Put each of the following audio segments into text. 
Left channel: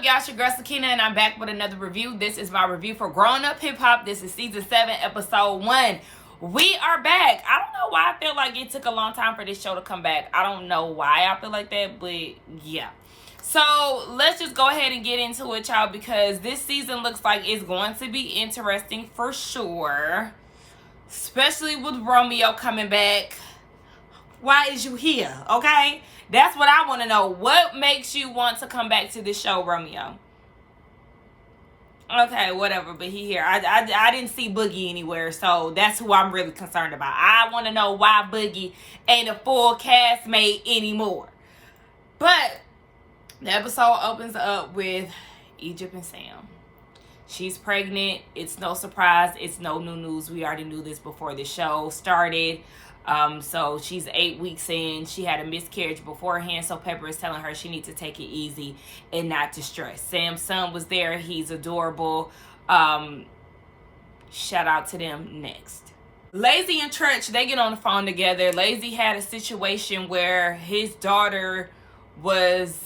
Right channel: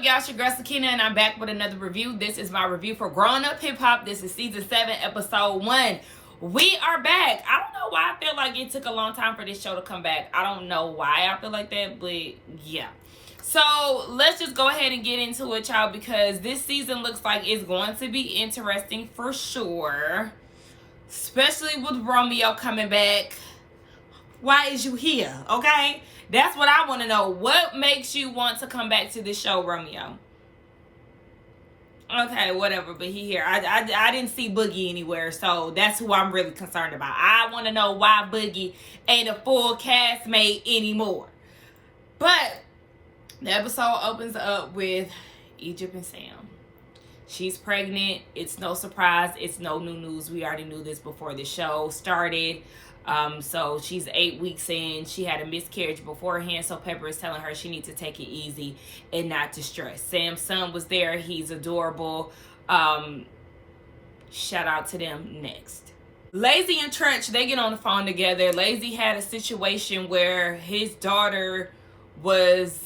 up, y'all? It's your girl Sakina, and I'm back with another review. This is my review for Growing Up Hip Hop. This is season 7, episode 1. We are back. I don't know why I feel like it took a long time for this show to come back. I don't know why I feel like that, but yeah. So let's just go ahead and get into it, y'all, because this season looks like it's going to be interesting for sure, especially with Romeo coming back. Why is you here? Okay, that's what I want to know. What makes you want to come back to this show, Romeo? Okay, whatever, but he here. I didn't see Boogie anywhere, so that's who I'm really concerned about. I want to know why Boogie ain't a full castmate anymore. But the episode opens up with Egypt and Sam. She's pregnant. It's no surprise. It's no new news. We already knew this before the show started. So she's 8 weeks in. She had a miscarriage beforehand, so Pepper is telling her she needs to take it easy and not to stress. Sam's son was there. He's adorable. Shout out to them. Next, Lazy and Treach, they get on the phone together. Lazy had a situation where his daughter was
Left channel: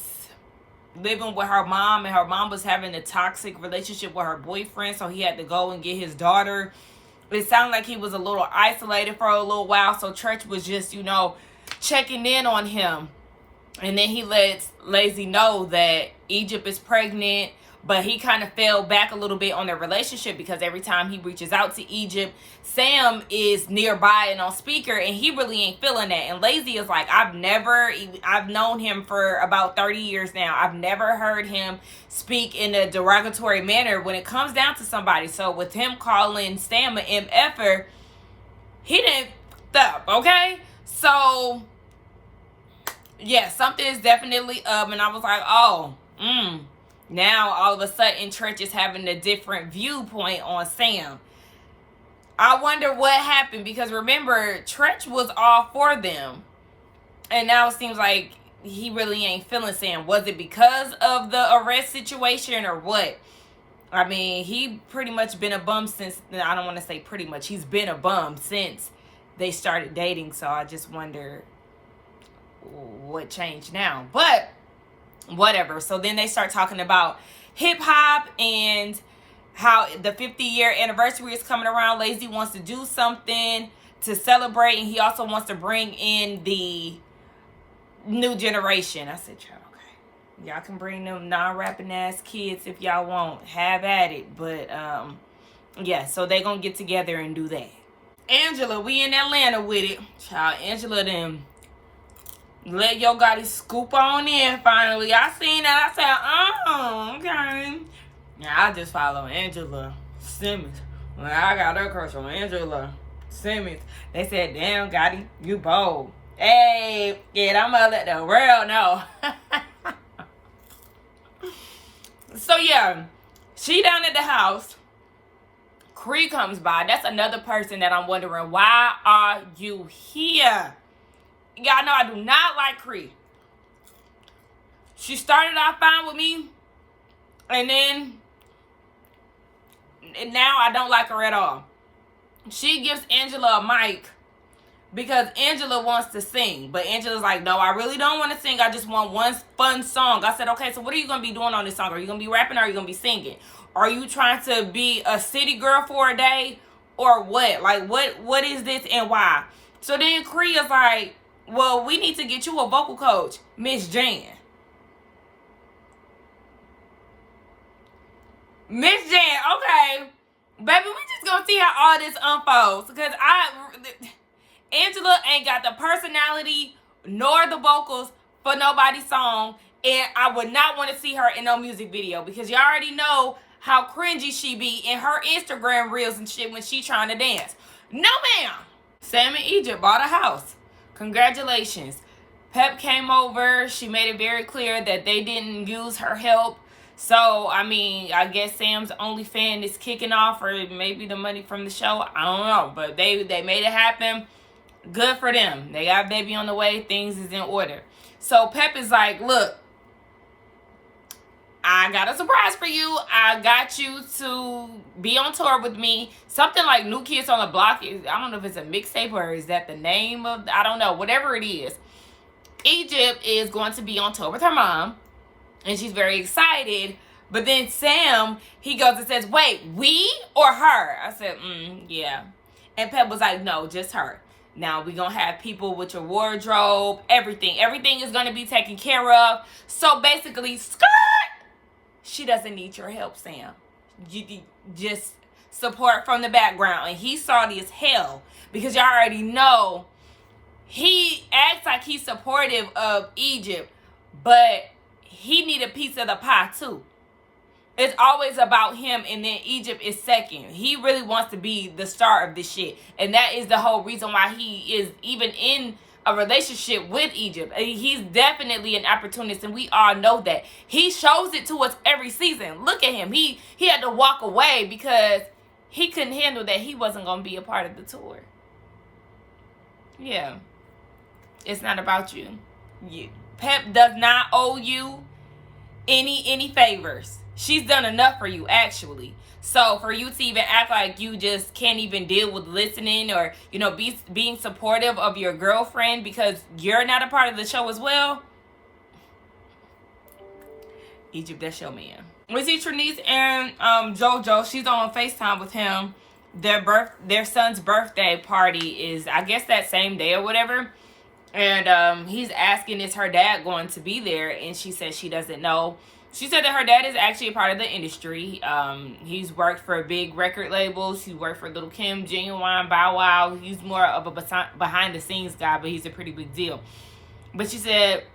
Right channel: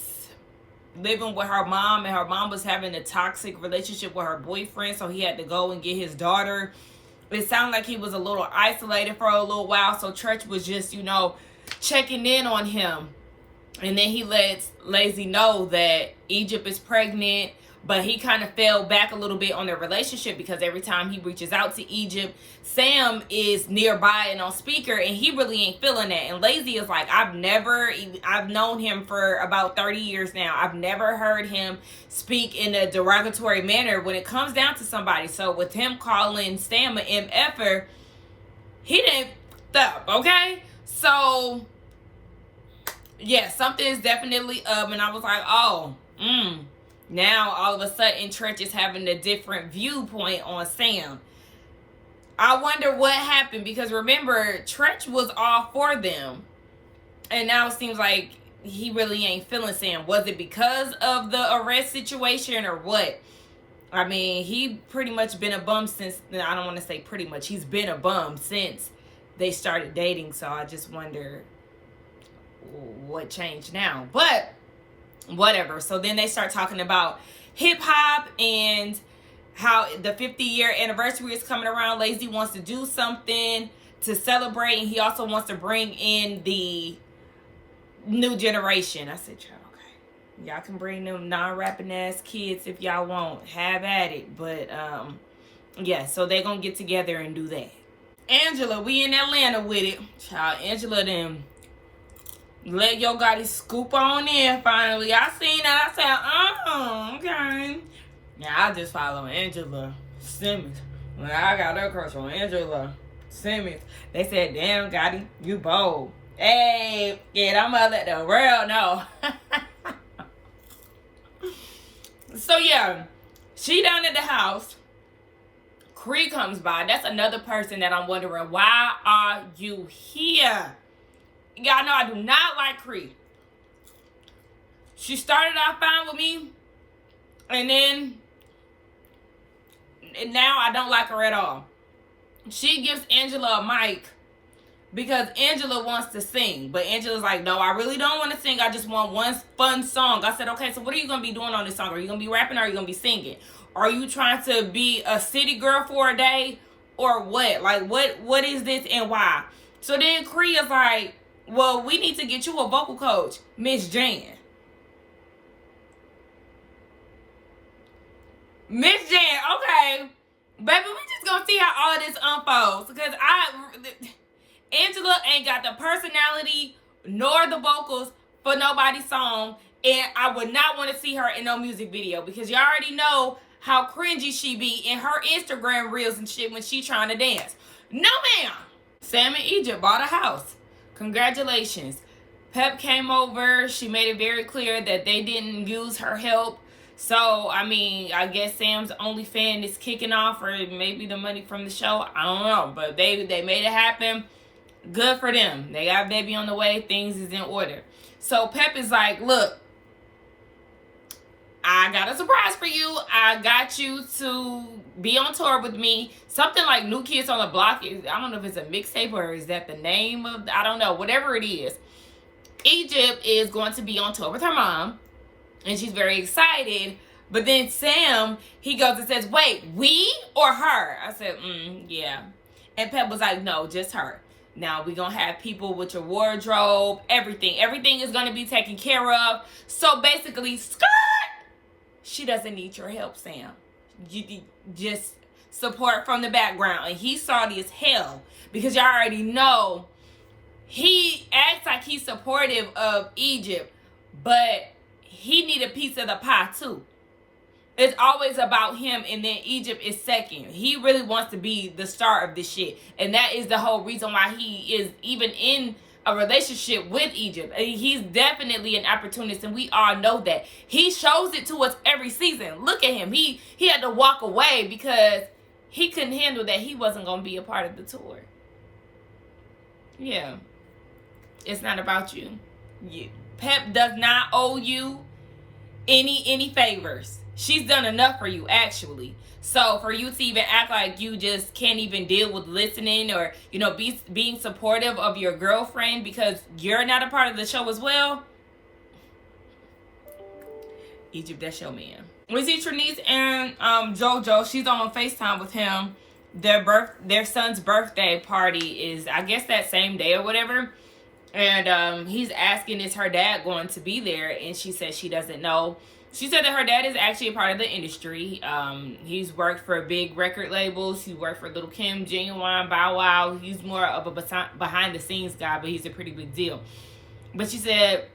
living with her mom, and her mom was having a toxic relationship with her boyfriend, so he had to go and get his daughter. It sounded like he was a little isolated for a little while, so Treach was just, checking in on him. And then he lets Lazy know that Egypt is pregnant, but he kind of fell back a little bit on their relationship because every time he reaches out to Egypt, Sam is nearby and on speaker, and he really ain't feeling that. And Lazy is like, I've known him for about 30 years now. I've never heard him speak in a derogatory manner when it comes down to somebody. So with him calling Sam an MFer, he didn't stop, okay? So, yeah, something is definitely up. And I was like, now all of a sudden Treach is having a different viewpoint on Sam. I wonder what happened, because remember, Treach was all for them, and now it seems like he really ain't feeling Sam. Was it because of the arrest situation or what? I mean, he pretty much been a bum since, I don't want to say pretty much, he's been a bum since they started dating, so I just wonder what changed now. But whatever. So then they start talking about hip-hop and how the 50-year anniversary is coming around. Lazy wants to do something to celebrate, and he also wants to bring in the new generation. I said, okay, y'all can bring them non-rapping ass kids if y'all want. Have at it. But, yeah, so they gonna get together and do that. Angela, we in Atlanta with it. Child, Angela them let Yo Gotti scoop on in finally. I seen that. I said, okay. Yeah, I just follow Angela Simmons. Well, I got her crush on Angela Simmons. They said, damn, Gotti, you bold. Hey, yeah, I'm gonna let the world know. So, yeah, she down at the house. Cree comes by. That's another person that I'm wondering, why are you here? Y'all know I do not like Cree. She started out fine with me, and then now I don't like her at all. She gives Angela a mic because Angela wants to sing, but Angela's like, no, I really don't want to sing. I just want one fun song. I said, okay, so what are you going to be doing on this song? Are you going to be rapping or are you going to be singing? Are you trying to be a city girl for a day or what? Like, what is this and why? So then Cree is like, well, we need to get you a vocal coach, Miss Jan. Miss Jan, okay. Baby, we just gonna see how all this unfolds. Because Angela ain't got the personality nor the vocals for nobody's song. And I would not want to see her in no music video. Because you already know how cringy she be in her Instagram reels and shit when she trying to dance. No, ma'am. Sam and Egypt bought a house. Congratulations. Pep came over. She made it very clear that they didn't use her help. So, I mean, I guess Sam's OnlyFans is kicking off, or maybe the money from the show. I don't know. But they made it happen. Good for them. They got a baby on the way. Things is in order. So, Pep is like, look, I got a surprise for you. I got you to be on tour with me. Something like New Kids on the Block. I don't know if it's a mixtape or is that the name of, I don't know. Whatever it is. Egypt is going to be on tour with her mom. And she's very excited. But then Sam, he goes and says, wait, we or her? I said, yeah. And Pep was like, no, just her. Now we're going to have people with your wardrobe, everything. Everything is going to be taken care of. So basically, skirt, she doesn't need your help, Sam. You just support from the background. And he's salty as hell because y'all already know he acts like he's supportive of Egypt, but he need a piece of the pie too. It's always about him, and then Egypt is second. He really wants to be the star of this shit. And that is the whole reason why he is even in a relationship with Egypt. He's definitely an opportunist, and we all know that. He shows it to us every season. Look at him. He had to walk away because he couldn't handle that he wasn't going to be a part of the tour. Yeah. It's not about you. Pep does not owe you any favors. She's done enough for you, actually. So for you to even act like you just can't even deal with listening or, you know, being supportive of your girlfriend because you're not a part of the show as well. Egypt, that's your man. We see Treach and JoJo. She's on FaceTime with him. Their son's birthday party is, I guess, that same day or whatever. And he's asking, is her dad going to be there? And she says she doesn't know. She said that her dad is actually a part of the industry. He's worked for big record labels. He worked for Lil' Kim, Genuine, Bow Wow. He's more of a behind-the-scenes guy, but he's a pretty big deal. But she said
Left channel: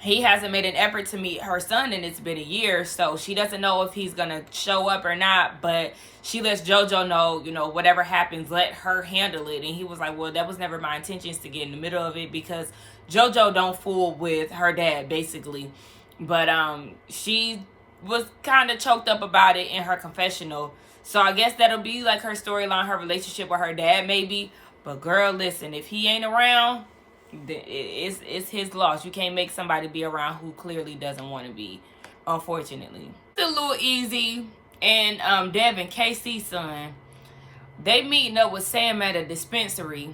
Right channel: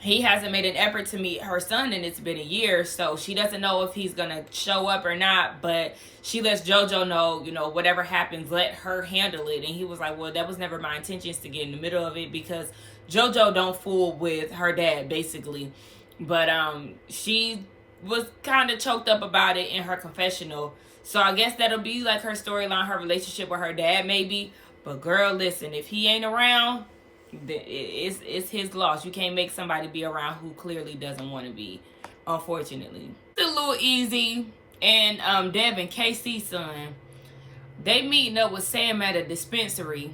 he hasn't made an effort to meet her son, and it's been a year. So she doesn't know if he's going to show up or not. But she lets JoJo know, you know, whatever happens, let her handle it. And he was like, well, that was never my intentions to get in the middle of it because JoJo don't fool with her dad, basically. But she was kind of choked up about it in her confessional. So I guess that'll be like her storyline, her relationship with her dad maybe. But girl, listen, if he ain't around, it's his loss. You can't make somebody be around who clearly doesn't want to be, unfortunately. It's a little easy. And Devin, KC's son, they meeting up with Sam at a dispensary.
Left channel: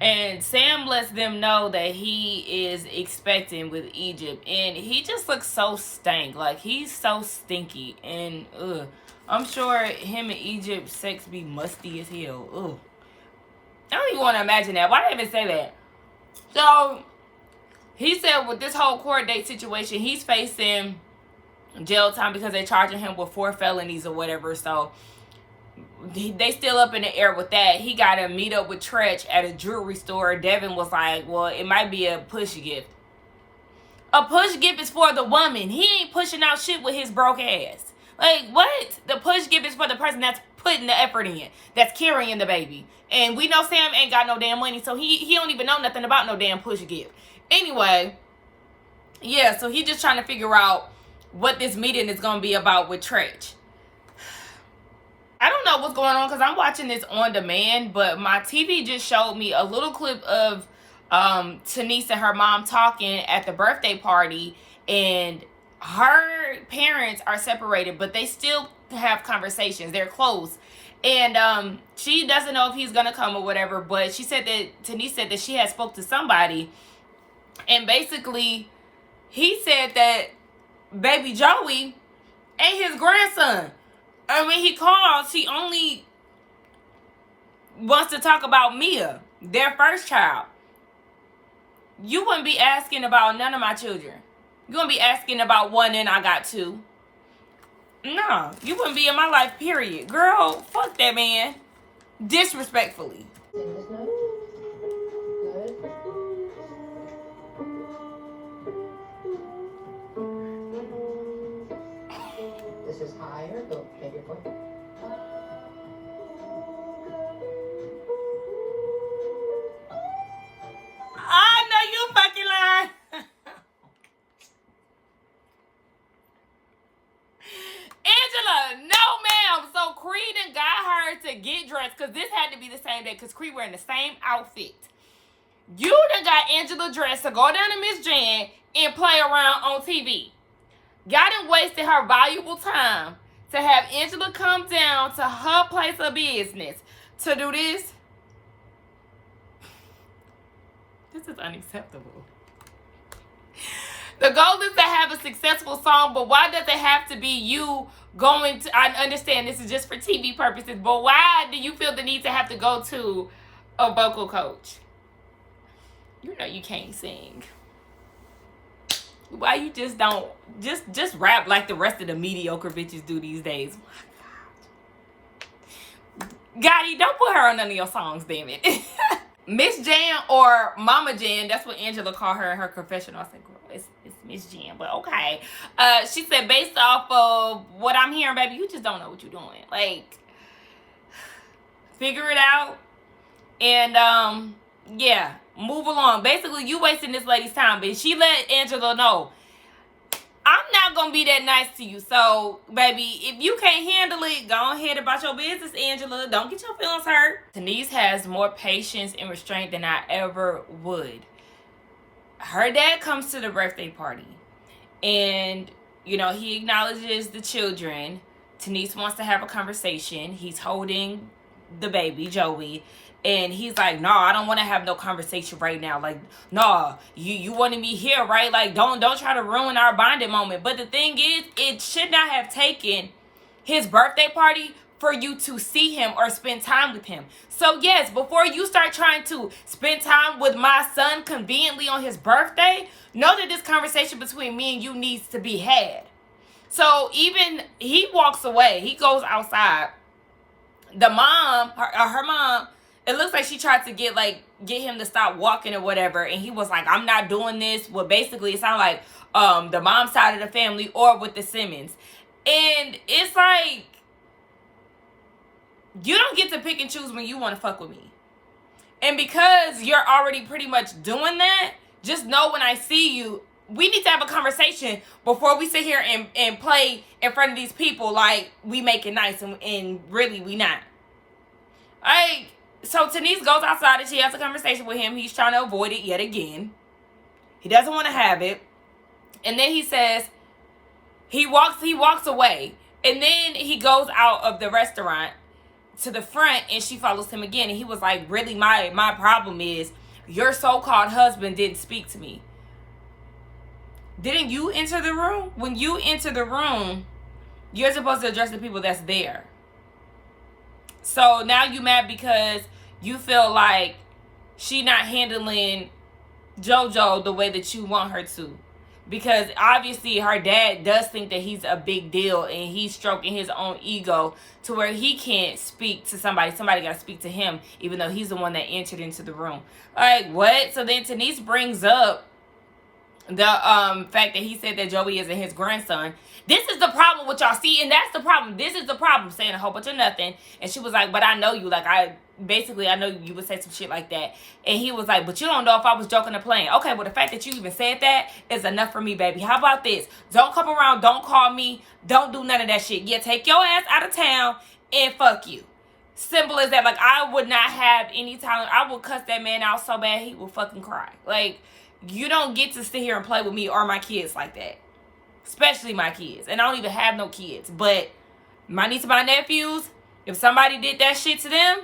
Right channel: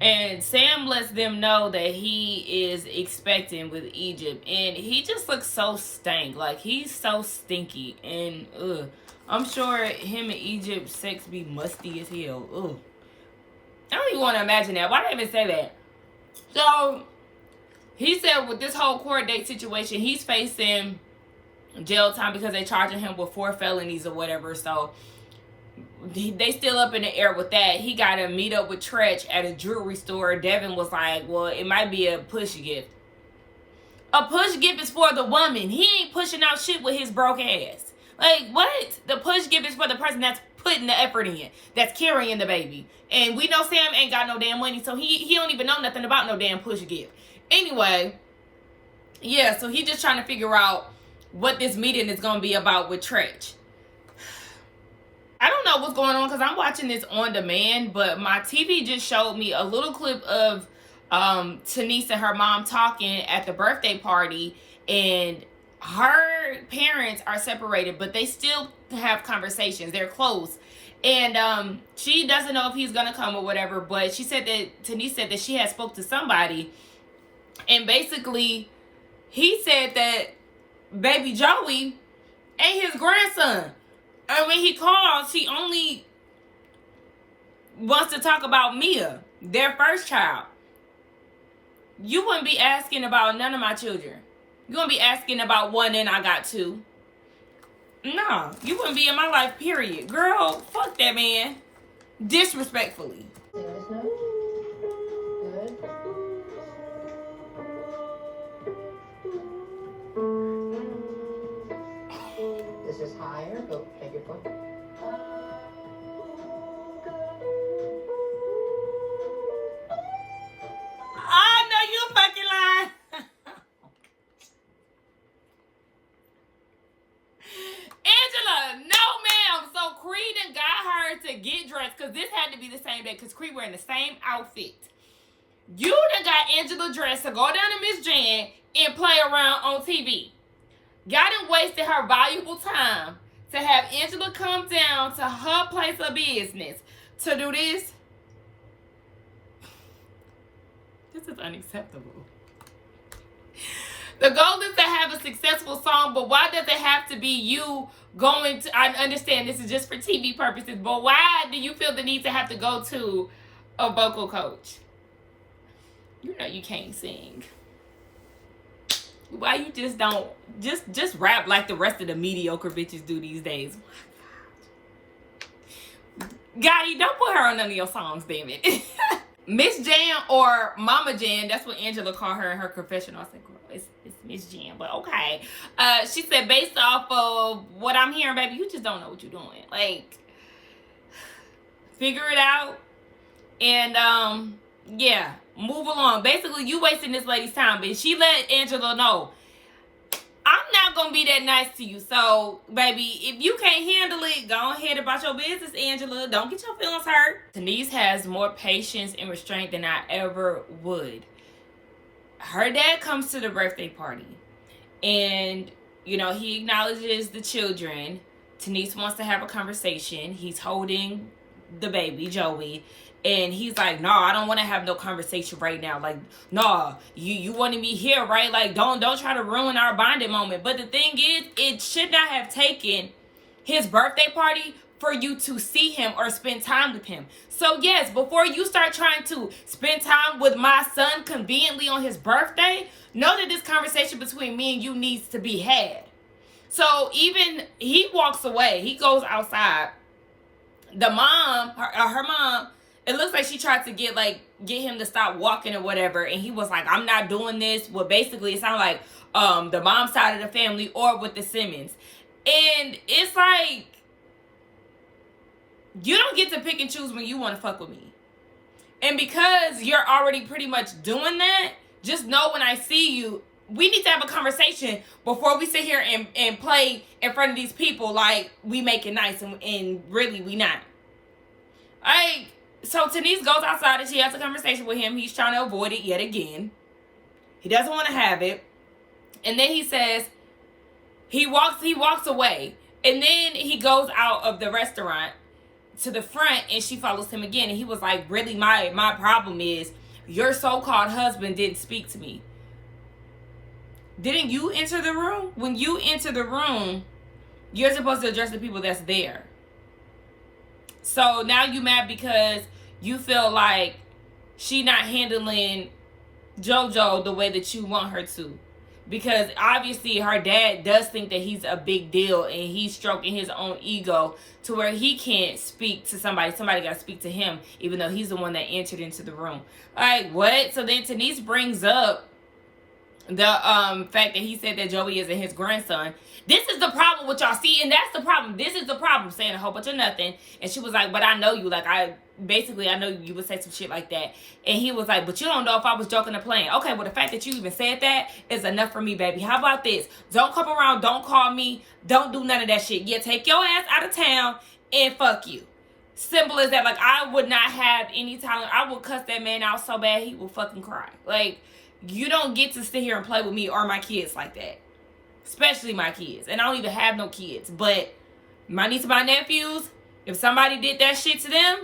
And Sam lets them know that he is expecting with Egypt. And he just looks so stank. Like, he's so stinky. And, I'm sure him and Egypt sex be musty as hell. Ugh. I don't even want to imagine that. Why did I even say that? So, he said with this whole court date situation, he's facing jail time because they charging him with 4 felonies or whatever. So, they still up in the air with that. He got to meet up with Treach at a jewelry store. Devin was like, well, it might be a push gift. A push gift is for the woman. He ain't pushing out shit with his broke ass. Like, what? The push gift is for the person that's putting the effort in, that's carrying the baby. And we know Sam ain't got no damn money, so he don't even know nothing about no damn push gift. Anyway, yeah, so he just trying to figure out what this meeting is going to be about with Treach. I don't know what's going on because I'm watching this on demand, but my TV just showed me a little clip of Denise and her mom talking at the birthday party, and her parents are separated, but they still have conversations. They're close. And she doesn't know if he's going to come or whatever, but she said that Denise said that she had spoke to somebody, and basically he said that baby Joey ain't his grandson. And when he calls, he only wants to talk about Mia, their first child. You wouldn't be asking about none of my children. You wouldn't be asking about one and I got 2. No, you wouldn't be in my life, period. Girl, fuck that man. Disrespectfully. This is higher. Go take your foot. I know you fucking lying. Angela, no ma'am. So Creed and got her to get dressed because this had to be the same day because Creed wearing the same outfit. You done got Angela dressed to go down to Miss Jan and play around on TV. Y'all done wasted her valuable time to have Angela come down to her place of business to do this. This is unacceptable. The goal is to have a successful song, but why does it have to be you going to, I understand this is just for TV purposes, but why do you feel the need to have to go to a vocal coach? You know you can't sing. Why you just don't, just rap like the rest of the mediocre bitches do these days? Gotti, don't put her on none of your songs, damn it. Miss Jan or Mama Jan, that's what Angela called her in her confessional. I said, girl, it's Miss Jan, but okay. She said, based off of what I'm hearing, baby, you just don't know what you're doing. Like, figure it out. And, yeah, move along. Basically, you wasting this lady's time, but she let Angela know, I'm not going to be that nice to you. So, baby, if you can't handle it, go ahead about your business, Angela. Don't get your feelings hurt. Denise has more patience and restraint than I ever would. Her dad comes to the birthday party. And, you know, he acknowledges the children. Denise wants to have a conversation. He's holding the baby, Joey. And he's like, no, I don't want to have no conversation right now. Like, no, you wanted me here, right? Like, don't try to ruin our bonding moment. But the thing is, it should not have taken his birthday party for you to see him or spend time with him. So, yes, before you start trying to spend time with my son conveniently on his birthday, know that this conversation between me and you needs to be had. So, even he walks away. He goes outside. The mom, her mom, it looks like she tried to get him to stop walking or whatever. And he was like, I'm not doing this. Well, basically, it sounded like the mom's side of the family or with the Simmons. And it's like, you don't get to pick and choose when you want to fuck with me. And because you're already pretty much doing that, just know when I see you, we need to have a conversation before we sit here and play in front of these people like we make it nice and really we not. So Denise goes outside and she has a conversation with him. He's trying to avoid it yet again. He doesn't want to have it. And then he says, he walks away. And then he goes out of the restaurant to the front and she follows him again. And he was like, really, my problem is your so-called husband didn't speak to me. Didn't you enter the room? When you enter the room, you're supposed to address the people that's there. So now you mad because you feel like she not handling JoJo the way that you want her to. Because obviously her dad does think that he's a big deal and he's stroking his own ego to where he can't speak to somebody. Somebody got to speak to him even though he's the one that entered into the room. Like, what? So then Denise brings up the fact that he said that Joey isn't his grandson. This is the problem with y'all. See, and that's the problem. This is the problem, saying a whole bunch of nothing. And she was like, but I know you. Like, I know you would say some shit like that. And he was like, but you don't know if I was joking or playing. Okay, well, the fact that you even said that is enough for me, baby. How about this? Don't come around. Don't call me. Don't do none of that shit. Yeah, take your ass out of town and fuck you. Simple as that. Like, I would not have any time. I would cuss that man out so bad he would fucking cry. Like, you don't get to sit here and play with me or my kids like that. Especially my kids. And I don't even have no kids. But my niece and my nephews, if somebody did that shit to them,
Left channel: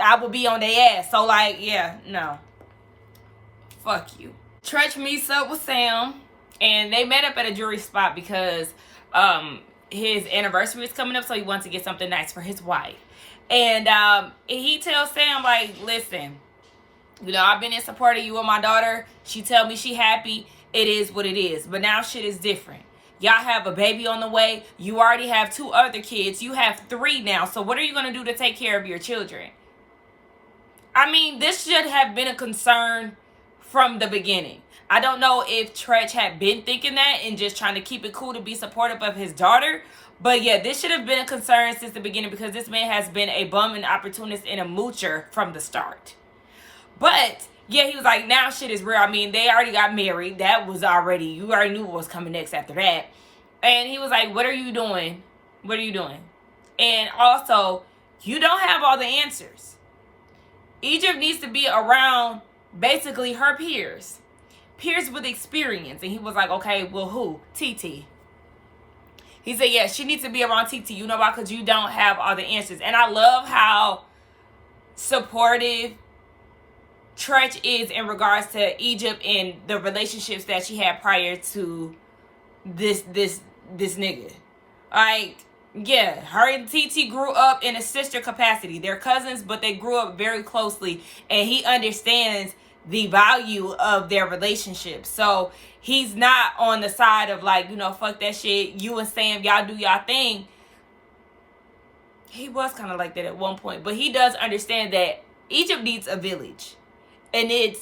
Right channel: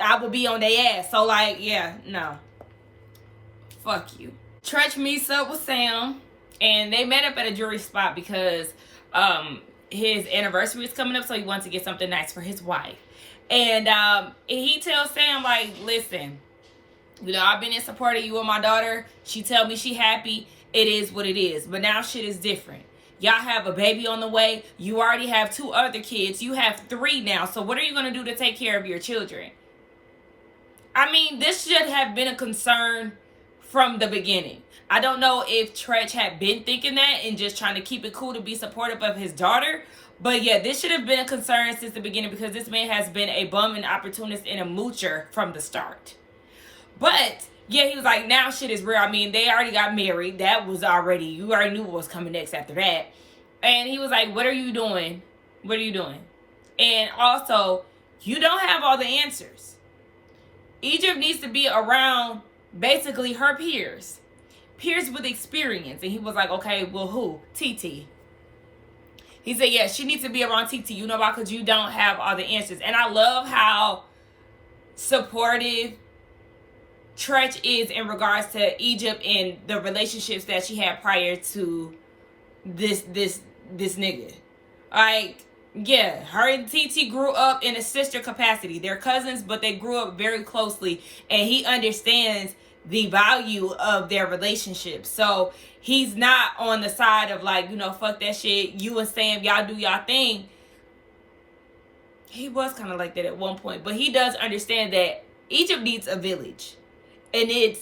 I would be on their ass. So, like, yeah, no. Fuck you. Treach meets up with Sam. And they met up at a jewelry spot because his anniversary is coming up. So he wants to get something nice for his wife. And he tells Sam, like, listen, you know, I've been in support of you and my daughter. She tell me she happy. It is what it is. But now shit is different. Y'all have a baby on the way. You already have 2 other kids. You have 3 now. So what are you going to do to take care of your children? I mean, this should have been a concern from the beginning. I don't know if Treach had been thinking that and just trying to keep it cool to be supportive of his daughter. But yeah, this should have been a concern since the beginning because this man has been a bum, an opportunist, and a moocher from the start. But yeah, he was like, now shit is real. I mean, they already got married. That was already, you already knew what was coming next after that. And he was like, what are you doing? What are you doing? And also, you don't have all the answers. Egypt needs to be around basically her peers. Peers with experience. And he was like, okay, well, who? TT. He said, yeah, she needs to be around TT. You know why? Because you don't have all the answers. And I love how supportive Treach is in regards to Egypt and the relationships that she had prior to this nigga. Like, yeah, her and TT grew up in a sister capacity. They're cousins, but they grew up very closely, and he understands the value of their relationship. So he's not on the side of like, you know, fuck that shit. You and Sam, y'all do y'all thing. He was kind of like that at one point, but he does understand that Egypt needs a village. And it's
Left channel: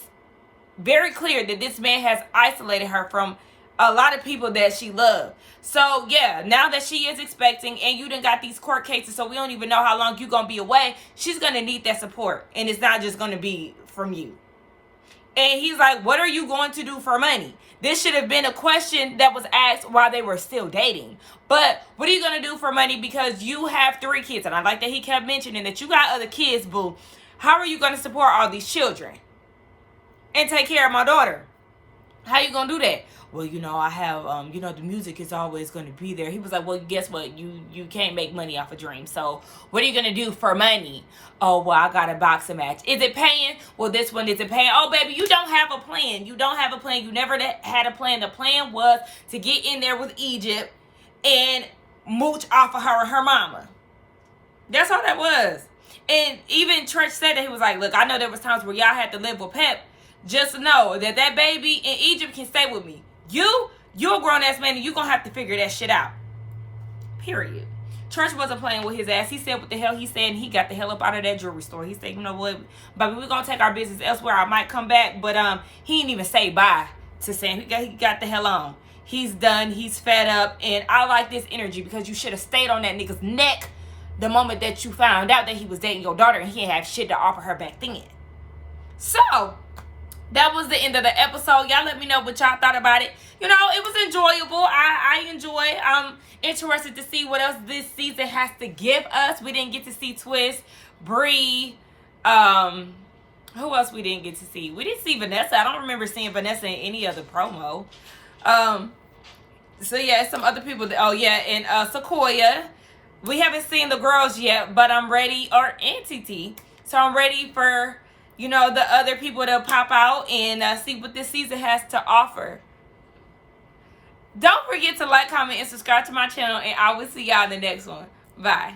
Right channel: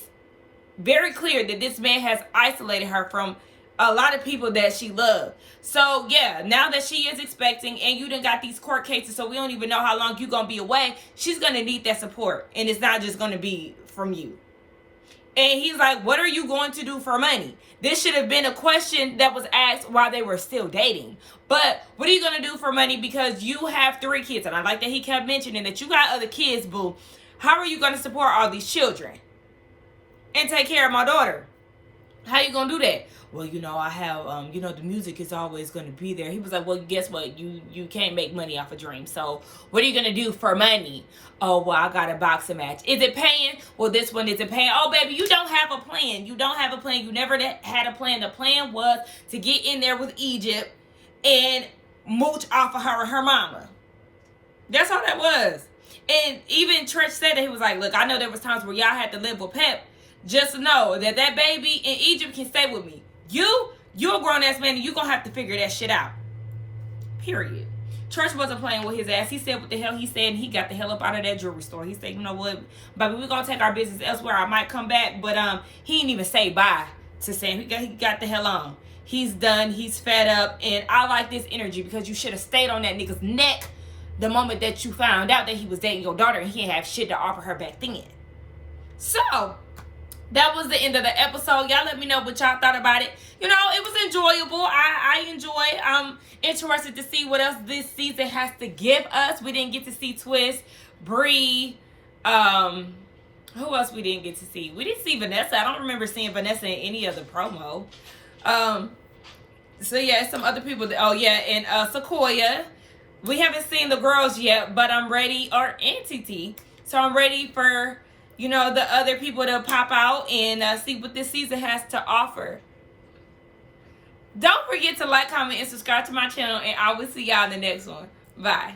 very clear that this man has isolated her from a lot of people that she loved. So, yeah, now that she is expecting and you done got these court cases, so we don't even know how long you're going to be away, she's going to need that support. And it's not just going to be from you. And he's like, what are you going to do for money? This should have been a question that was asked while they were still dating. But what are you going to do for money? Because you have 3 kids. And I like that he kept mentioning that you got other kids, boo. How are you going to support all these children and take care of my daughter? How you going to do that? Well, you know, I have, you know, the music is always going to be there. He was like, well, guess what? You can't make money off a dream. So what are you going to do for money? Oh, well, I got a boxing match. Is it paying? Well, this one isn't paying. Oh, baby, you don't have a plan. You don't have a plan. You never had a plan. The plan was to get in there with Egypt and mooch off of her and her mama. That's all that was. And even Treach said that he was like, look, I know there was times where y'all had to live with Pep. Just know that that baby in Egypt can stay with me. You're a grown-ass man, and you're going to have to figure that shit out. Period. Treach wasn't playing with his ass. He said what the hell he said, and he got the hell up out of that jewelry store. He said, you know what, baby, we're going to take our business elsewhere. I might come back, but he didn't even say bye to Sam. He got the hell on. He's done. He's fed up, and I like this energy because you should have stayed on that nigga's neck the moment that you found out that he was dating your daughter, and he didn't have shit to offer her back then. So that was the end of the episode. Y'all let me know what y'all thought about it. You know, it was enjoyable. I enjoy. I'm interested to see what else this season has to give us. We didn't get to see Twist, Bree. Who else we didn't get to see? We didn't see Vanessa. I don't remember seeing Vanessa in any other promo. So yeah, some other people. Oh yeah, and Sequoia. We haven't seen the girls yet, but I'm ready. Or NTT. So I'm ready for, you know, the other people to pop out and see what this season has to offer. Don't forget to like, comment, and subscribe to my channel, and I will see y'all in the next one. Bye.